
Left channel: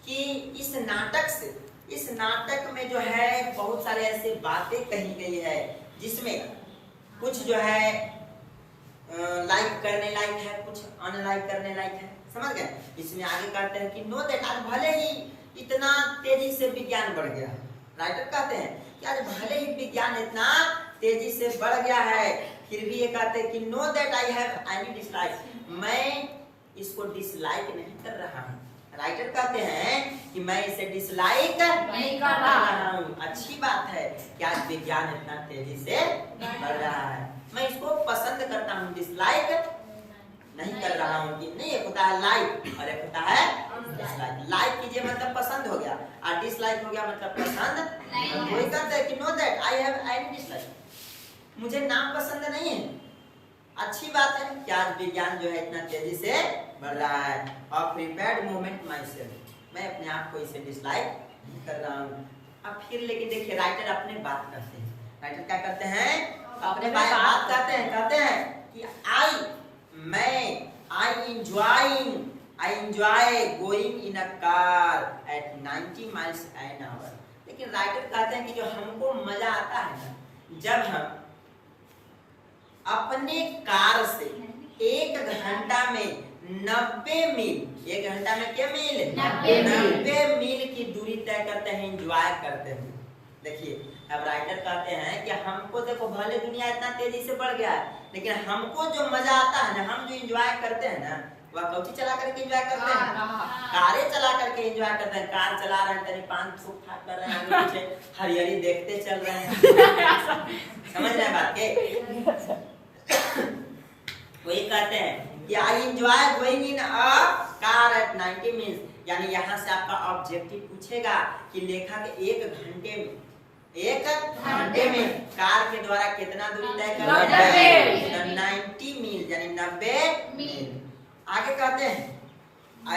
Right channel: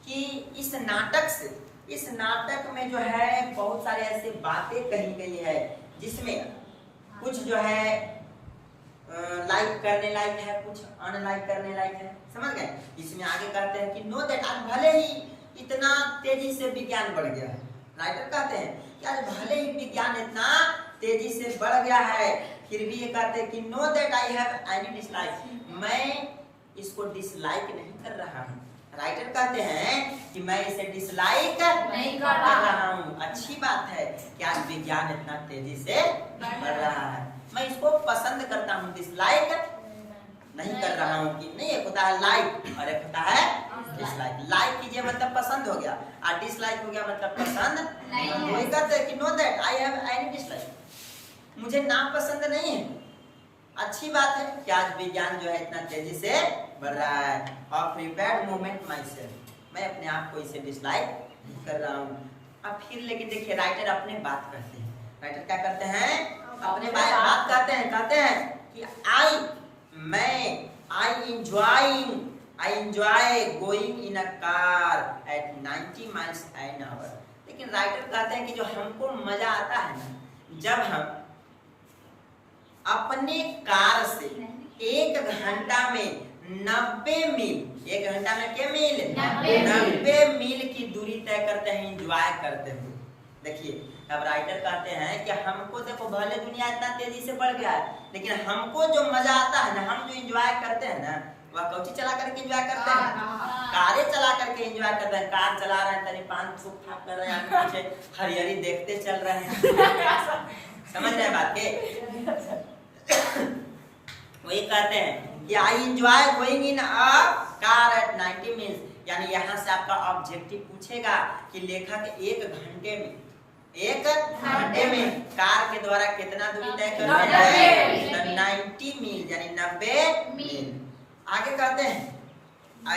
कि इस नाटक में जो है बहुत सारे ऐसे बातें कही गई है जिसमें कुछ जो है लाइक करने लायक है, कुछ अनलाइक करने लायक है, समझ गए। इसमें आगे कहते हैं कि नो दैट, आज भले ही इतना तेजी से विज्ञान बढ़ गया है, राइटर कहते हैं कि आज भले ही विज्ञान इतना तेजी से बढ़ गया है, फिर भी ये कहते हैं कि know that I have any dislike, मैं इसको डिसलाइक नहीं कर रहा हूँ। राइटर कहते हैं कि मैं इसे डिसलाइक नहीं कर रहा हूँ। अच्छी बात है कि आज विज्ञान इतना तेजी से बढ़ रहा है, मैं इसको पसंद करता हूँ, डिसलाइक नहीं कर रहा हूँ। कि नहीं, एक होता है लाइक और एक होता है डिसलाइक। लाइक कीजिए मतलब पसंद हो गया, और डिसलाइक हो गया मतलब पसंद नहीं। तो वही कहते हैं कि know that I have any dislike, मुझे नाम पसंद नहीं है। अच्छी बात है कि आज विज्ञान जो है इतना तेजी से बढ़ रहा है। और प्रिपेयर्ड मोमेंट माई सेल्फ, मैं अपने आप को इसे डिसलाइक नहीं कर रहा हूँ। अब फिर लेकिन देखिए राइटर अपने बात करते हैं, राइटर क्या करते हैं, अपने बात कहते हैं कि I enjoy going in a car eight 90 miles an hour. लेकिन राइटर कहते हैं कि जो हमको मजा आता है ना, जब हम अपने कार से 1 घंटा में 90 मील, 1 घंटा में क्या मील, 90 मील की दूरी तय करते हैं, एंजॉय करते हैं। देखिए अब राइटर कहते हैं कि हमको देखो भले दुनिया इतना तेजी से बढ़ गया है, लेकिन हमको जो मजा आता है ना, हम जो एंजॉय करते हैं ना, वह कौची चला करके एंजॉय करते हैं, कारें चला करके एंजॉय करते हैं। कार चला रहे हैं, तनी 5 फुट फाट कर रहे हैं, आगे पीछे हरियरी देखते चल रहे हैं। समझ रहे हैं बात के? वही कहते हैं कि I enjoy going in a car eight 90 meals, यानी यहाँ से आपका ऑब्जेक्टिव पूछेगा कि लेखक 1 घंटे में कार के द्वारा कितना दूरी तय कर रहे हैं, 90 मील यानी 90 मील। आगे कहते हैं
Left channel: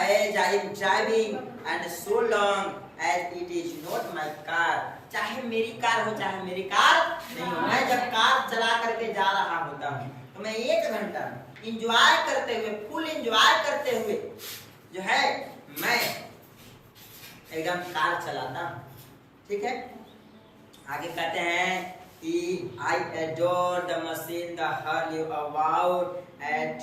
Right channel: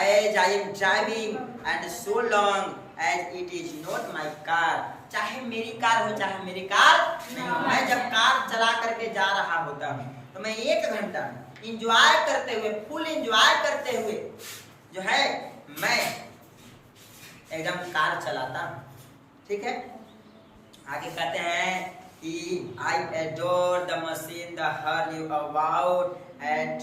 as I am driving and so long as it is not my car, चाहे मेरी कार हो चाहे मेरी कार नहीं हो, मैं जब कार चला करके जा रहा होता हूँ तो मैं 1 घंटा में इंजॉय करते हुए, फुल इंजॉय करते हुए जो है मैं एकदम कार चलाता हूँ। ठीक है, आगे कहते हैं कि I adore the machine the her you about at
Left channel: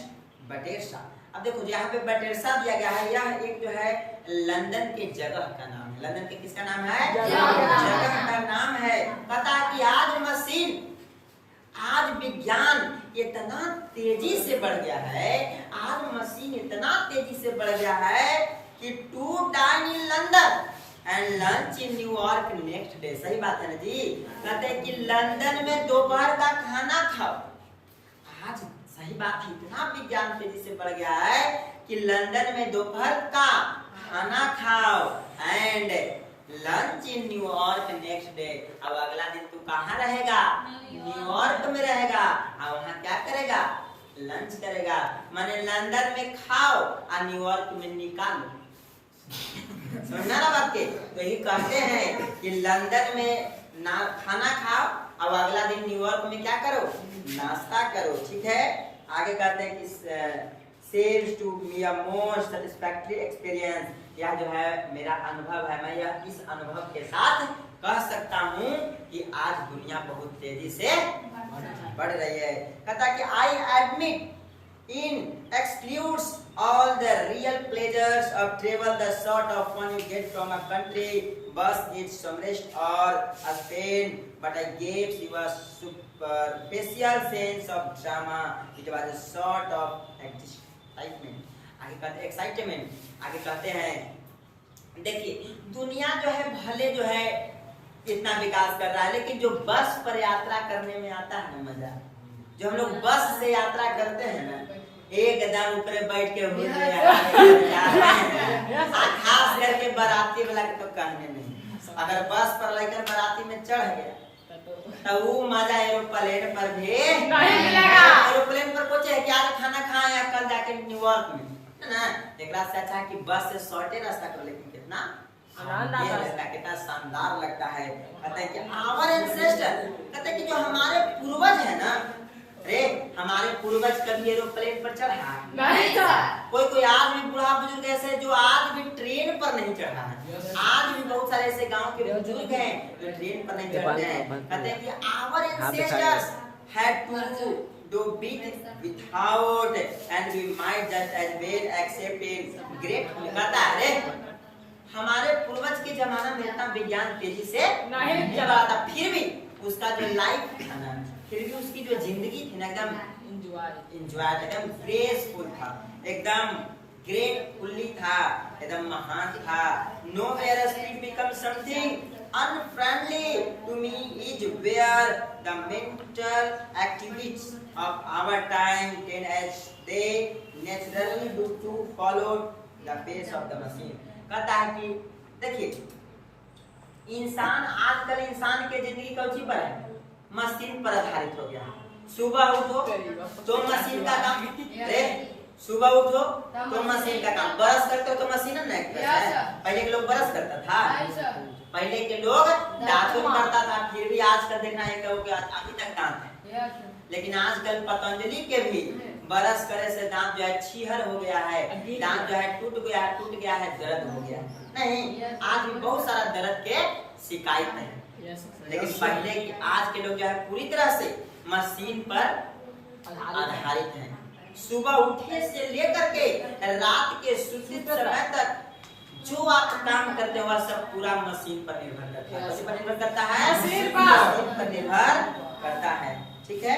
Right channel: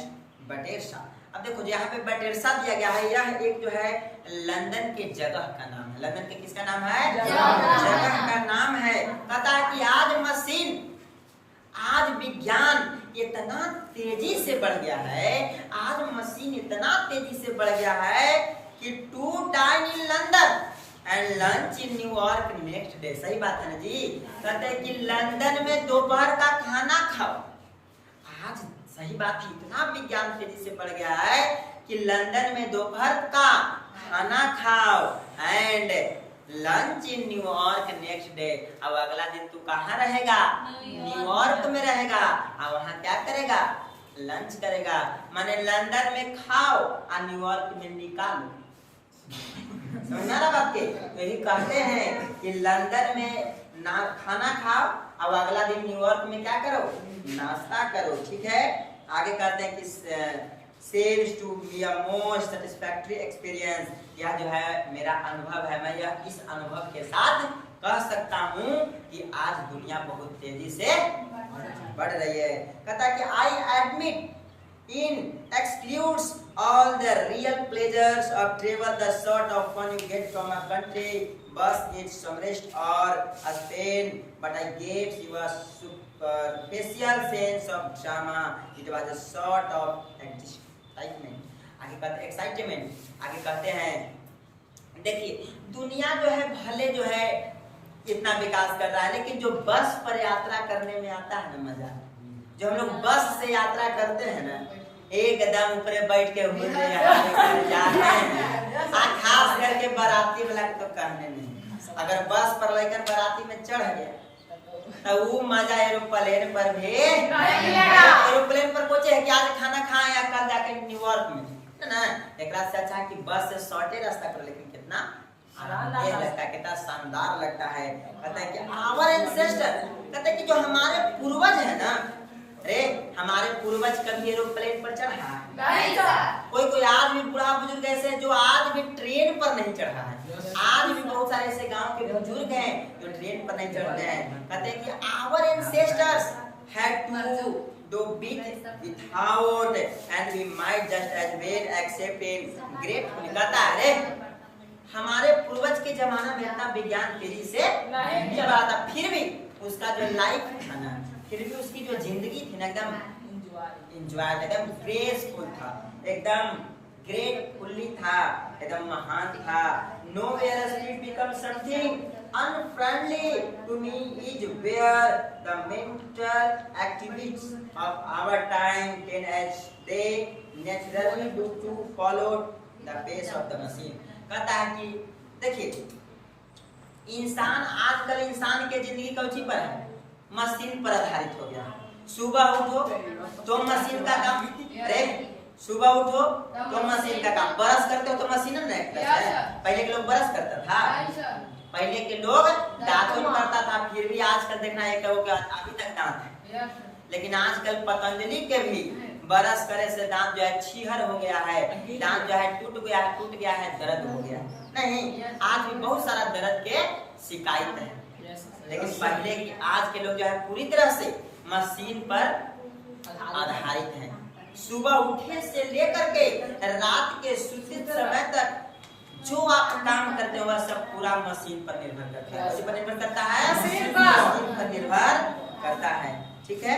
Battersea. अब देखो यहाँ पे बटेरसा दिया गया है, यह एक जो है लंदन के जगह का नाम है। लंदन के किसका नाम है, जगह का नाम है। कहता है कि आज विज्ञान इतना तेजी से बढ़ गया है, आज मशीन इतना तेजी से बढ़ गया है कि to dine in London and lunch in New York next day. सही बात है ना जी, कहते हैं कि लंदन में दोपहर का खाना खाओ। आज सही बात है, इतना विज्ञान तेजी से बढ़ गया है कि लंदन में दोपहर का खाना खाओ and lunch in New York next day. अब अगला दिन तू कहाँ रहेगा, न्यूयॉर्क में रहेगा, और वहाँ क्या करेगा, लंच करेगा। माने लंदन में खाओ और न्यूयॉर्क में निकालो। समझना ना बात के? तो यही कहते हैं कि लंदन में खाना खाओ और अगला दिन न्यूयॉर्क में क्या करो, नाश्ता करो। ठीक है, आगे कहते हैं कि sells to me a most satisfactory experience, यह जो है मेरा अनुभव है, मैं यह इस अनुभव के साथ कह सकता हूँ कि आज दुनिया बहुत तेजी से बढ़ रही है। कहता कि I admit in excludes all the real pleasures of travel, the sort of fun you get from a country bus, its submerged or a Spain, but I gave you a superficial sense of drama. It was a sort of excitement. आगे कहते हैं excitement, आगे कहते हैं देखिए दुनिया जो है भले जो है इतना विकास कर रहा है, लेकिन जो बस पर यात्रा करने में आता है ना मजा, जो हम लोग बस से यात्रा करते हैं ना, एकदम ऊपर बैठ के खास करके बाराती वाला के तो कहने नहीं। अगर बस पर लेकर बाराती में चढ़ गया तो वो मजा एरोप्लेन पर भी एरोप्लेन पर पहुंचे है कि आज खाना खाए या कल जाके न्यूयॉर्क में, है ना। एक से अच्छा कि बस से शॉर्टे रास्ता करो, लेकिन कितना ये लगता है, कितना शानदार लगता है। कहते हैं कि आवर एंसेस्टर, कहते हैं कि जो हमारे पूर्वज है ना, अरे हमारे पूर्वज कभी एरोप्लेन पर चढ़ा है? नहीं सर। कोई आज भी बूढ़ा बुजुर्ग ऐसे जो आज भी ट्रेन पर नहीं चढ़ा है। आज भी बहुत सारे ऐसे गांव के बुजुर्ग हैं जो ट्रेन पर नहीं चढ़ते हैं। कहते हैं कि our ancestors had to do it without and we might just as well accept it gratefully। कहता है अरे हमारे पूर्वज के जमाना में इतना विज्ञान तेजी से नहीं बढ़ा था, फिर भी उसका जो लाइफ था ना, फिर भी उसकी जो जिंदगी थी ना, एकदम एंजॉय, एकदम ग्रेसफुल था, एकदम ग्रेटफुल्ली था, एकदम महान था। Nowhere speed become something unfriendly to me is where the mental activities of our time can as they naturally do to follow the pace of the machine। कहता है कि देखिए इंसान आजकल इंसान के जिंदगी कौची पर है? मशीन पर आधारित हो गया। सुबह उठो तो मशीन का काम, अरे सुबह उठो तो मशीन का काम, ब्रश करते हो तो मशीन नहीं करता है। पहले के लोग ब्रश करता था, पहले के लोग दातुन करता था, फिर भी आजकल देखना है कि अभी तक दांत है। लेकिन आजकल पतंजलि के भी ब्रश करे से दांत जो है छीहर हो गया है, दांत जो है टूट गया है, दर्द हो गया नहीं। आज भी बहुत सारा दर्द के शिकायत है, लेकिन पहले की आज के लोग जो है पूरी तरह से मशीन पर आधारित हैं। सुबह उठे से लेकर के रात के सोते समय तक जो आप काम करते हो वह सब पूरा मशीन पर निर्भर करता है। मशीन पर निर्भर करता है, मशीन पर निर्भर करता है। ठीक है।